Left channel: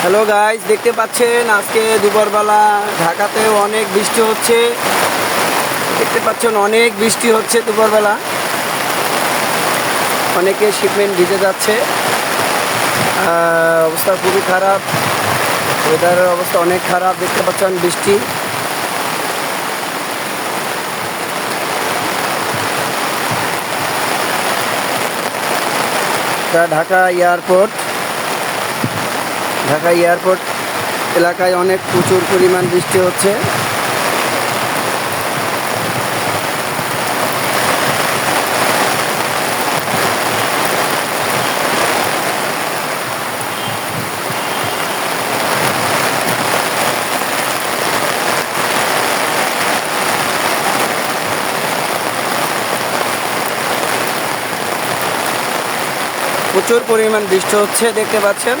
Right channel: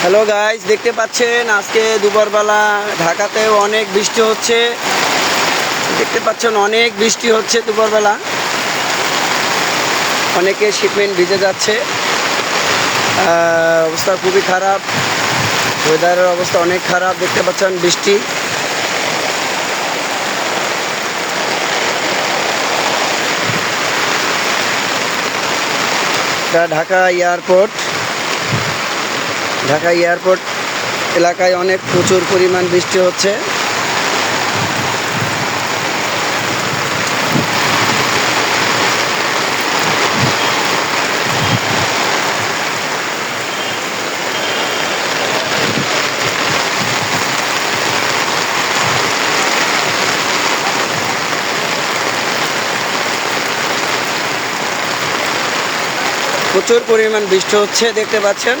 Hello guys, দেখতে পাচ্ছেন আজকে দুপুরবেলা ঢাকাতেও অনেক বৃষ্টি হচ্ছে। দেখতে পাচ্ছেন অনেক বৃষ্টি হচ্ছে দুপুরবেলা, অনেকে শিপমেন্ট ভিজে যাচ্ছে। অবস্থা খুবই খারাপ, ওয়েদারের অবস্থা অনেক খারাপ। দেখতে পাচ্ছেন বৃষ্টি। এটা ঢাকা এয়ারপোর্ট। ঢাকা এয়ারপোর্ট এলাকায় অনেক প্রচুর পরিমাণ বৃষ্টি হচ্ছে। প্রচুর পরিমাণ বৃষ্টি হচ্ছে, দেখতে পাচ্ছেন।